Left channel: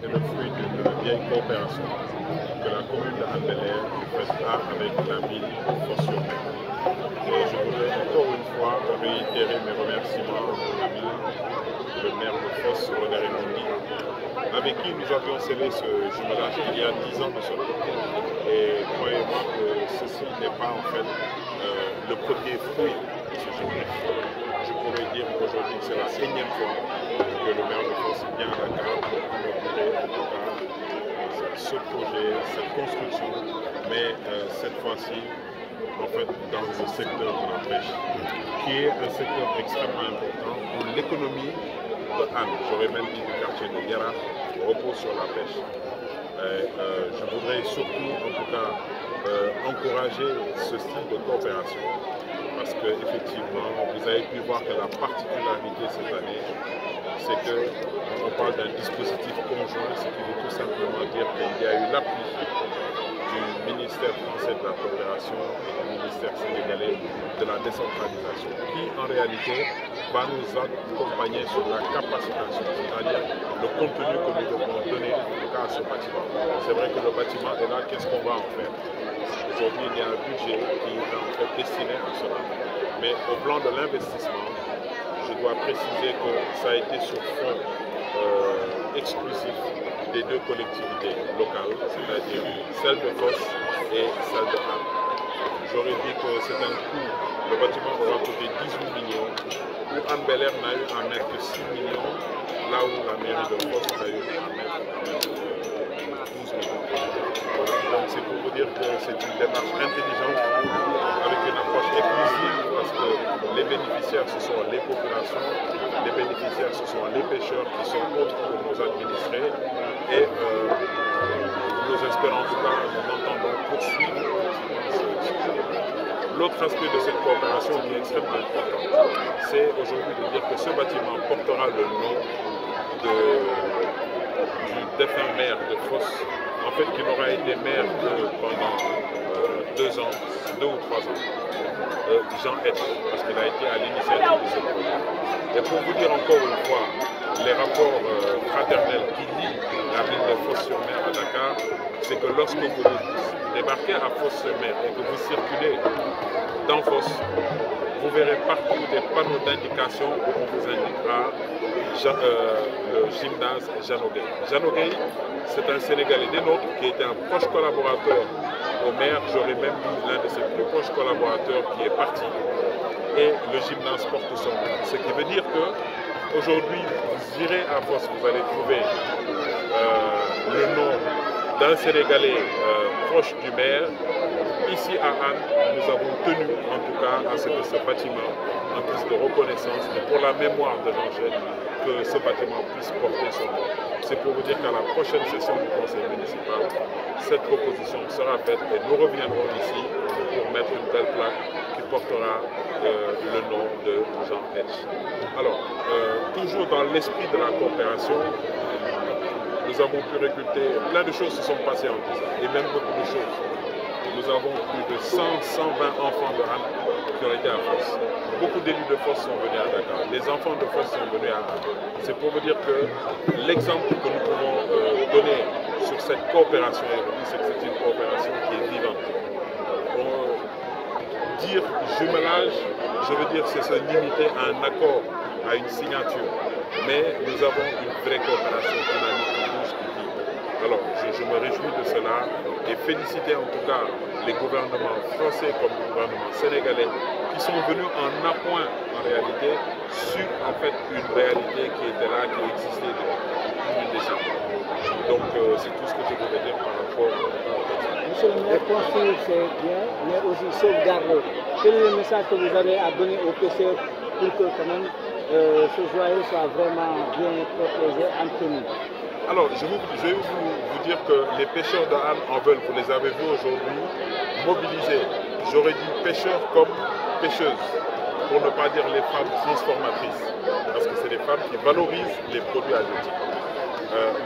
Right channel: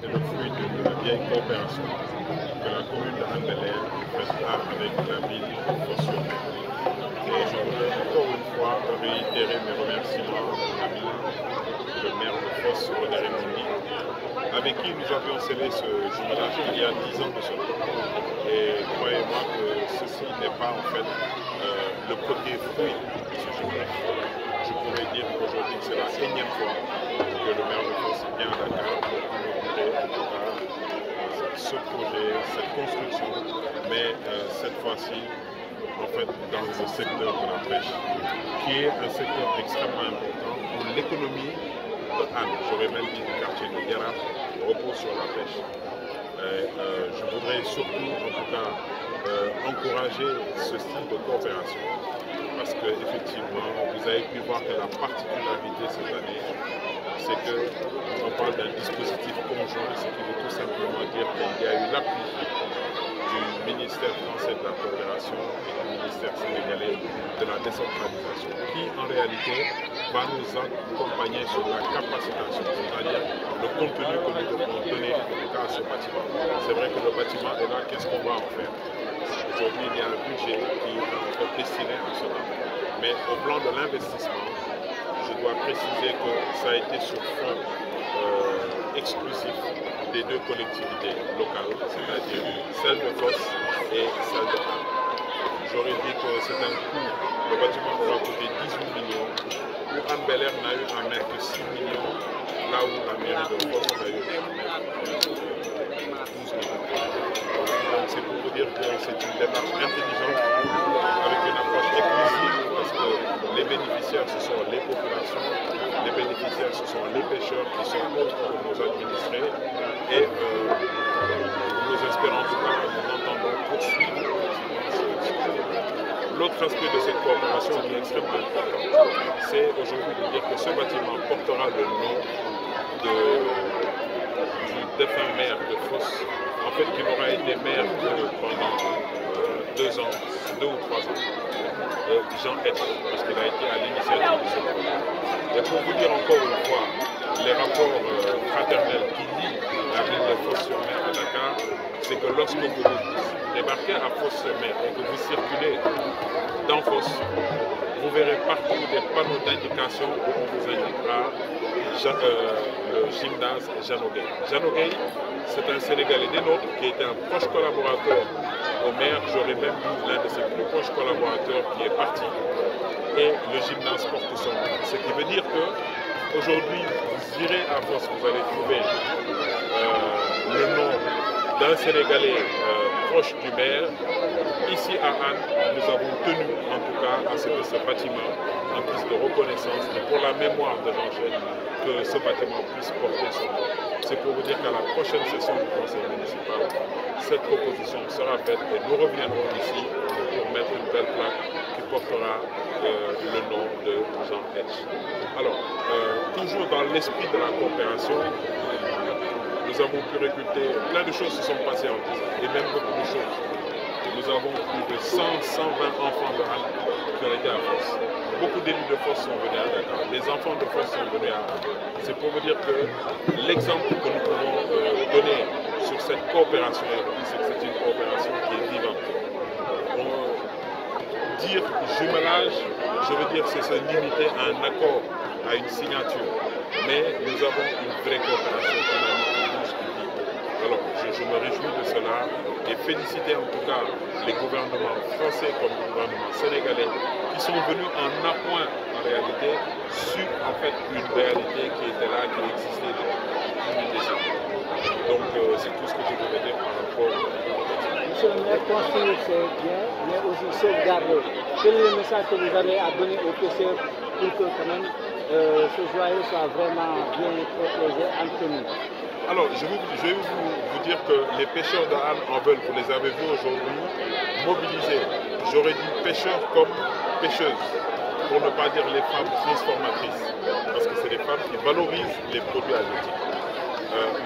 C'est le fruit d'une vieille coopération que la commune de Hann Bel-Air fera avec la ville de Fos-sur-Mer. Et je voudrais encore une fois réitérer mes remerciements à mon ami, le maire de Fos, René Raimondi, avec qui nous avions scellé ce jumelage il y a 10 ans de cela. Et croyez-moi que ceci n'est pas en fait le premier fruit de ce jumelage. Je pourrais dire qu'aujourd'hui c'est la 1e fois que le maire de Fos vient à Dakar pour inaugurer en tout cas ce projet, cette construction, mais cette fois-ci en fait dans le secteur de la pêche, qui est un secteur extrêmement important où l'économie de Hann, j'aurais même dit du quartier de Yara, repose sur la pêche. Je voudrais surtout en tout cas encourager ce style de coopération parce que effectivement vous avez pu voir que la particularité cette année c'est qu'on parle d'un dispositif conjoint, ce qui veut tout simplement dire qu'il y a eu l'appui du ministère français de la coopération et du ministère sénégalais de la décentralisation qui en réalité va nous accompagner sur la capacitation, c'est-à-dire le contenu que nous devons donner en tout cas à ce bâtiment. C'est vrai que le bâtiment est là, qu'est-ce qu'on va en faire? Aujourd'hui il y a un budget qui est en fait destiné à cela, mais au plan de l'investissement, je dois préciser que ça a été sur fonds exclusifs des deux collectivités locales, c'est-à-dire celle de Fos et celle de Hann. J'aurais dit que c'est un coût, le bâtiment aura coûté 18 millions, où Hann Bel-Air n'a eu à mettre que 6 millions, là où la mairie de Fos a eu à mettre 12 millions. Donc c'est pour vous dire que c'est une démarche intelligente, avec une approche inclusive, parce que les bénéficiaires ce sont les populations, les bénéficiaires ce sont les pêcheurs qui sont autres que nos administrés, et nous espérons en tout cas, nous entendons poursuivre. L'autre aspect de cette coopération qui est extrêmement important, c'est aujourd'hui de dire que ce bâtiment portera le nom du défunt maire de Fos, en fait qui n'aura été maire que pendant 2 ans, 2 ou 3 ans, Jean Etch, parce qu'il a été à l'initiative de ce projet. Et pour vous dire encore une fois, les rapports fraternels qui lient la ville de Fos-sur-Mer à Dakar, c'est que lorsque vous débarquez à Fos-sur-Mer et que vous circulez dans Fos, vous verrez partout des panneaux d'indication où on vous indiquera le gymnase Janogay. Janogay, c'est un Sénégalais des nôtres qui était un proche collaborateur au maire, j'aurais même dit l'un de ses plus proches collaborateurs qui est parti, et le gymnase porte son nom. Ce qui veut dire que aujourd'hui, vous irez à Fos, vous allez trouver le nom d'un Sénégalais proche du maire. Ici à Hann, nous avons tenu en tout cas à ce que ce bâtiment, en guise de reconnaissance et pour la mémoire de Jean Etch, que ce bâtiment puisse porter son nom. C'est pour vous dire qu'à la prochaine session du conseil municipal, cette proposition sera faite et nous reviendrons ici pour mettre une belle plaque qui portera le nom de Jean Etch. Alors, toujours dans l'esprit de la coopération, nous avons pu récolter, plein de choses se sont passées en 10 ans, et même beaucoup de choses. nous avons plus de 100-120 enfants de Hann qui ont été à Fos. Beaucoup d'élus de Fos sont venus à Dakar. Les enfants de Fos sont venus à Hann. C'est pour vous dire que l'exemple que nous pouvons donner sur cette coopération aujourd'hui, c'est que c'est une coopération qui est vivante. Dire jumelage, je veux dire c'est se limiter à un accord, à une signature. Mais nous avons une vraie coopération dynamique qui bouge, qui vit. Alors je me réjouis de cela et féliciter en tout cas les gouvernements français comme le gouvernement sénégalais qui sont venus en appoint en réalité sur en fait une réalité qui était là, qui existait depuis une décennie. Donc c'est tout ce que je voulais dire par rapport à... Monsieur le maire, construire c'est bien, mais aussi sauvegarder. Quel est le message que vous avez à donner aux pêcheurs pour que quand même ce joyau soit vraiment bien protégé, entretenu? Alors, je vais vous dire que les pêcheurs de Hann en veulent, vous les avez vus aujourd'hui, mobilisés. J'aurais dit pêcheurs comme pêcheuses, pour ne pas dire les femmes transformatrices, parce que c'est les femmes qui valorisent les produits halieutiques.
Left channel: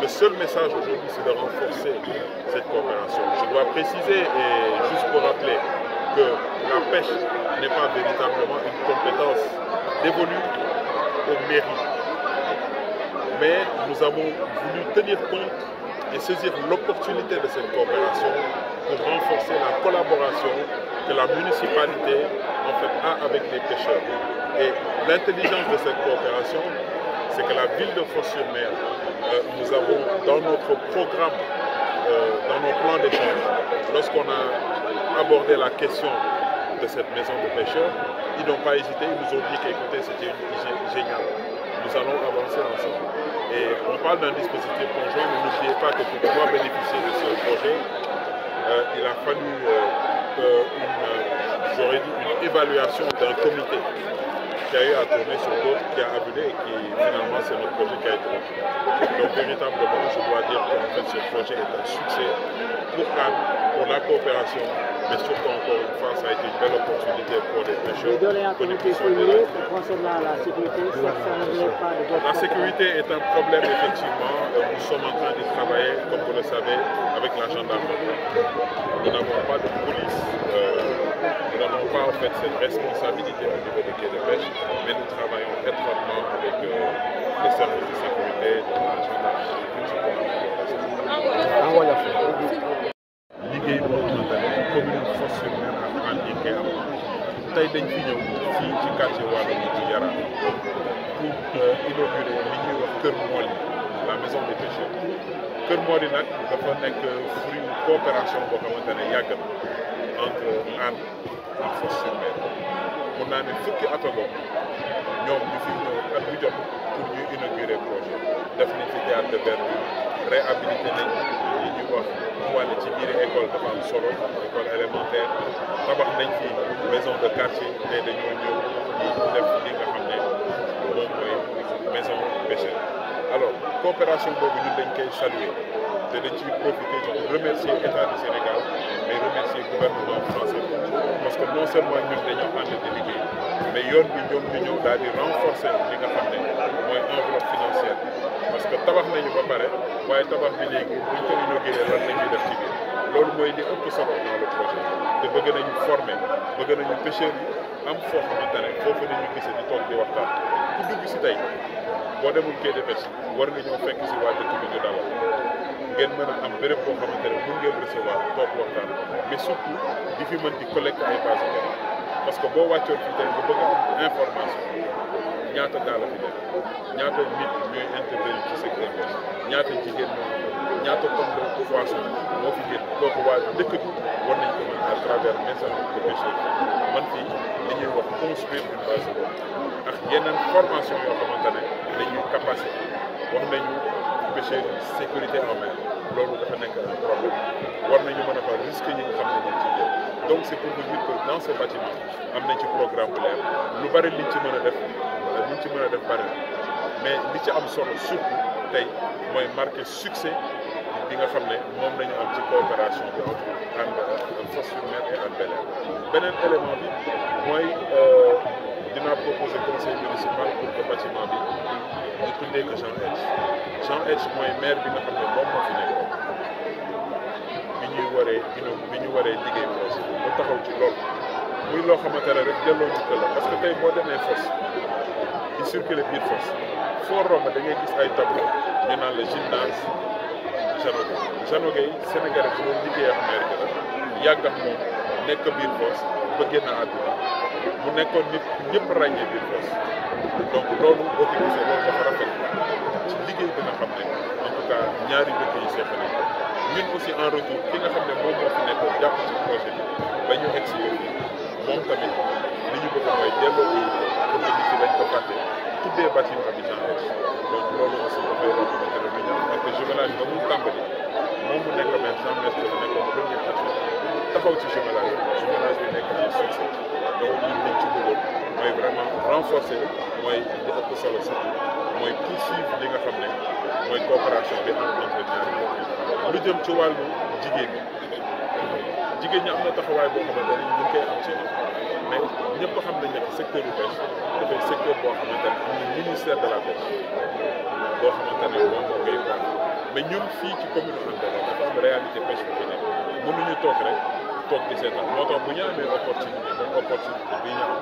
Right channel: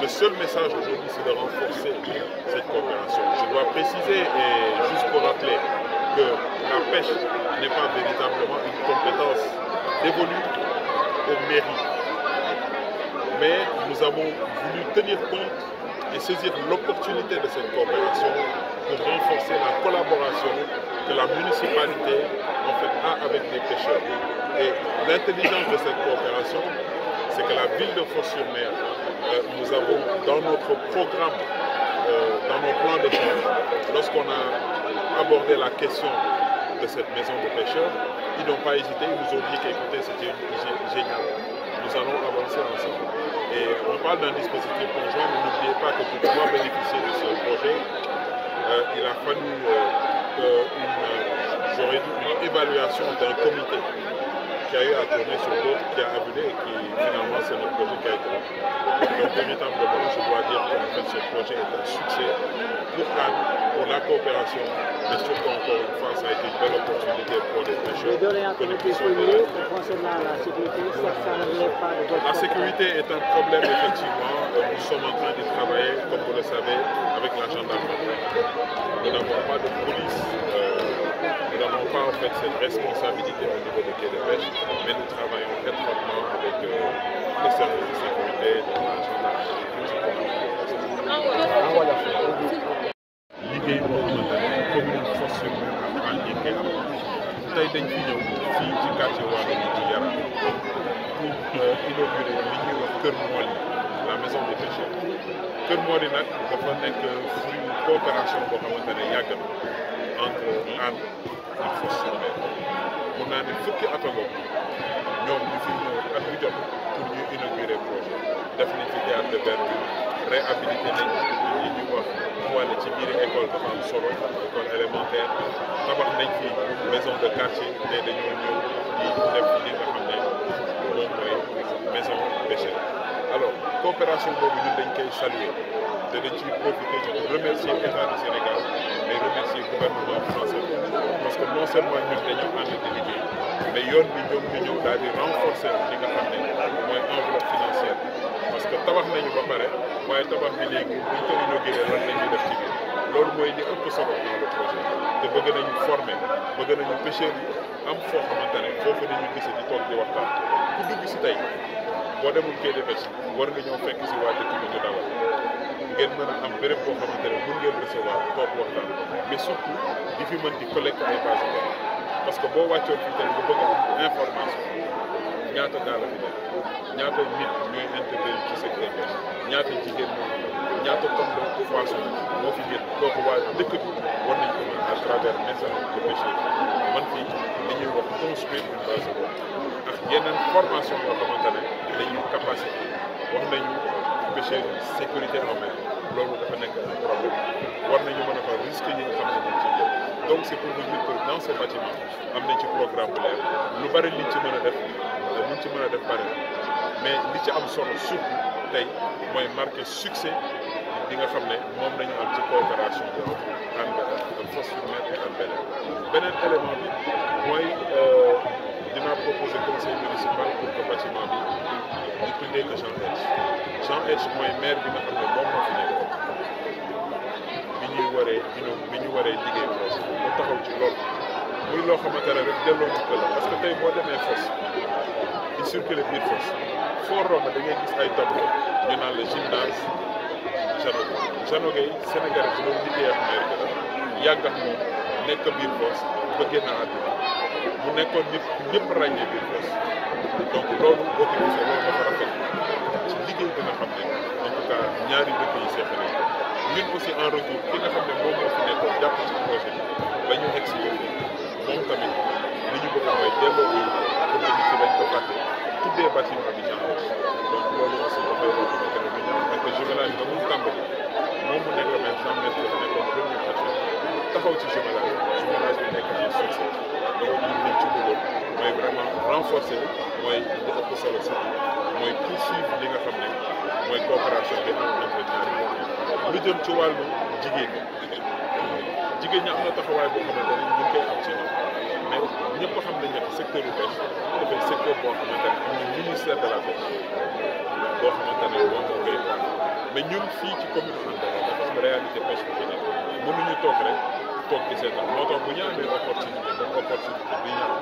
Le seul message aujourd'hui, c'est de renforcer cette coopération. Je dois préciser, et juste pour rappeler, que la pêche n'est pas véritablement une compétence dévolue aux mairies. Mais nous avons voulu tenir compte et saisir l'opportunité de cette coopération pour renforcer la collaboration que la municipalité en fait, a avec les pêcheurs. Et l'intelligence de cette coopération, c'est que la ville de Fos-sur-Mer, nous avons dans notre programme, dans nos plans d'échange, lorsqu'on a abordé la question de cette maison de pêcheurs, ils n'ont pas hésité, ils nous ont dit qu'écoutez, c'était génial. Nous allons avancer ensemble. Et on parle d'un dispositif conjoint, mais n'oubliez pas que pour pouvoir bénéficier de ce projet, il a fallu une évaluation d'un comité qui a eu à tourner sur d'autres, qui a abusé et qui finalement c'est notre projet qui a été retenu. Donc véritablement, je dois dire qu'en fait ce projet est un succès pour Hann, pour la coopération, mais surtout encore une fois, ça a été une belle opportunité pour les pêcheurs. La sécurité est un problème effectivement. Nous sommes en train d'y travailler, comme vous le savez, avec la gendarmerie. Nous n'avons pas de police. Nous n'avons pas en fait cette responsabilité au niveau des quais de pêche, mais nous travaillons étroitement avec les services de sécurité, dont la gendarmerie, liggéey boo xamante ne commune Fos-sur-Mer ak Hann yi koy am tey dañ fi ñëw fii ci quartier Waalo bi ci Yaraar pour inaugurer li ñuy wax Kër Moli, la maison des pêcheurs. Kër Moli nag dafa nekk fruit coopération boo xamante ne yàgg na entre Hann ak Fos-sur-Mer. mun naa ne fukki at a bokk ñoom ñu fi ñëw at bu jot pour ñu inaugurer projet def nañ ci théâtre de verdure, réhabilité nañ li ñuy wax wàlle ci biir école dafa am solo, école élémentaire, tabax nañ fi maison de quartier te dañoo ñëw di def li nga xam ne moom mooy maison pêcheur. Alors coopération boobu ñun dañ koy saluer te dañ ciy profiter pour remercier État du Sénégal mais remercier gouvernement français parce que non seulement ñun dañoo ànd di liggéey mais yoon bi ñoom ñu ñëw daal di renforcer li nga xam ne mooy enveloppe financière parce que tabax nañu ba pare waaye tabax bi léegi buñ ko inauguré lan la ñuy def ci biir loolu mooy li ëpp solo dans le projet te bëgg nañu former bëgg nañu pêcheurs yi am foo xamante ne foofu nañu gisee di toog di waxtaan ku dugg si tey boo demul quai de pêche war nga ñëw fekk si waa dëkk bi ñu dalal ngeen mën a am béréb boo xamante ne mën ngeen recevoir toog waxtaan mais surtout di fi mën di collecter ay base de données parce que boo wàccoon fi tey nga bëgg a am information ñaata gaal fi nekk ñaata nit ñooy intervenir ci secteur pêche ñaata jigéen ñaata tonne de poisson moo fi génn kooku waa dëkk bi war nañ ko mën à travers maison de pêcheurs man fii dañuy wax construire une base de données ak yeneen formation yoo xamante ne dañuy capacité wax nañu pêcheurs sécurité en mer loolu dafa nekk un problème war nañu mën a fa risque yi nga xam ne ñu ciy jël donc c'est pour vous dire que dans ce bâtiment am nañ ci programme bu leer lu bari liñ ci mën a def bari mais li ci am solo surtout tey mooy marqué succès bi nga xam ne moom nañu am ci coopération bi entre Hann Fos-sur-Mer et Hann Bel-Air beneen élément bi mooy dinaa proposer conseil municipal pour que bâtiment bi ñu tuddee que Jean H mooy maire bi nga xam ne moom moo fi nekk bi bi ñu waree liggéey projet mu taxaw ci loolu muy loo xamante ne rek delloo ñu ko la parce que tey boo demee Foss di circuler biir Foss foo romb da ngay gis ay tableau ñu naan la gymnase Jeannot Gueye Sénégalais bu doon liggéey ak maire bi la yàgg ak moom nekk biir Foss ba génn àdduna mu nekkoon nit ñëpp ràññee biir Foss donc loolu boo ko gisee loolu dafa rafet ci liggéey bi nga xam ne en tout cas ñaari dëkk yi seq nañ ko ñun aussi en retour ki nga xam ne moom moo fi nekkoon jàpp ci projet bi ba ñu egg si moom tamit li ñu bëgg mooy delloo bi comme nit ñi dañ ko fàtte tuddee bâtiment bi genre donc loolu aussi dafay loo xamante ne du ñaar parce que jumelage ba mu tàmbali moom mu nekk même 100 mètres la nekkoon premier adjoint taxaw ci jumelage bi nekk ci succès donc ñun liñ ci bëggoon mooy vraiment renforcer mooy li ëpp solo surtout mooy poursuivre li nga xam ne mooy coopération bi entre ñaari lu jëm ci wàllu jigéen ñi am na taxawaay boo xamante ne ñu ngi koy am ci mais ñëpp xam nañ ne secteur bu bees dafay secteur boo xamante ne am na ministère de la pêche boo xamante ne moom moo koy wax mais ñun fii ci commune Hann Bel-Air dafa am réalité pêche bi fi nekk mënuñu toog rek toog di seetaan moo tax bu ñu amee opportunité comme opportunité bi ñu am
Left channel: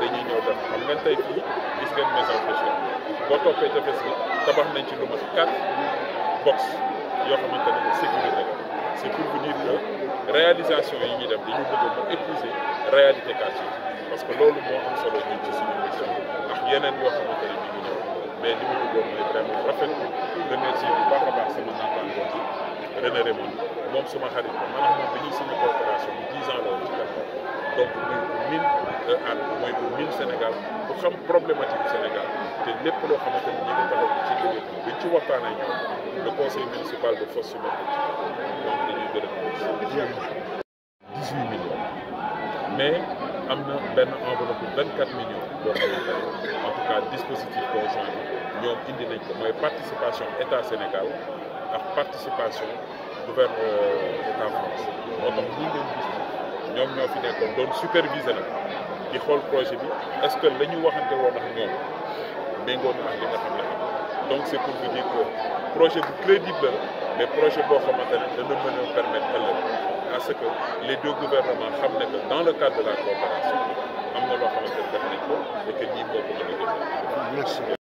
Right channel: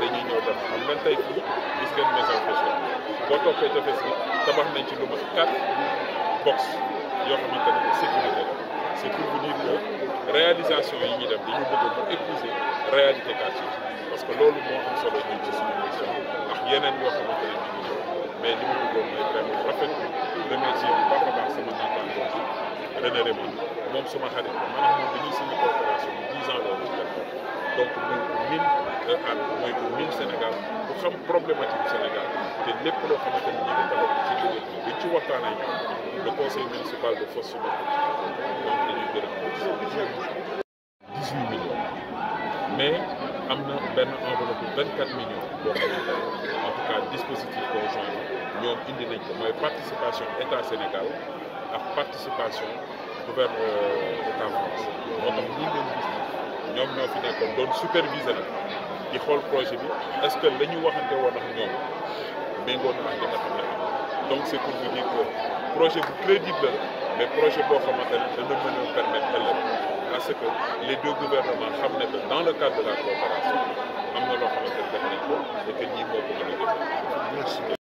dañuy ñëw def xam nga tey fii gis ngeen message social boo toppee tefes bi tabax nañ ci lu mat 4 box yoo xamante ne sécurité la c'est pour vous dire que réalisation yi ñuy def dañu bëgg mu épouser réalité quartier parce que loolu moo am solo ñun ci suñu mission ndax yeneen yoo xamante ne ñu ngi ñëw mais li ma bëggoon mooy vraiment rafet remercier bu baax a baax sama naataango bi René Raymond moom suma xarit ba maanaam moom dañuy signé coopération bi 10 ans la woon ci Dakar donc muy pour mine Hann mooy pour mine Sénégal bu xam problématique Sénégal te lépp loo xamante ni ñu ngi taxaw ci liggéey bi dañ ci waxtaan ak ñoom le conseil municipal de Foss donc dañuy gërëm 18 millions mais am na benn enveloppe 24 millions boo xamante ne en tout cas dispositif conjoint bi ñoom indi nañ ko mooy participation état Sénégal ak participation gouvernement état France moo tax ñi leen gis ñoom ñoo fi nekkoon doon superviser nag di xool projet bi est-ce que la ñu waxante woon ak ñoom méngoo na ak li nga xam ne donc c'est pour vous dire que projet bu crédible la mais projet boo xamante ne dana mën a permettre ëllëg à ce que les deux gouvernements xam ne que dans le cadre de la coopération am na loo xamante ne def nañ ko et que ñii moo ko mën a gën.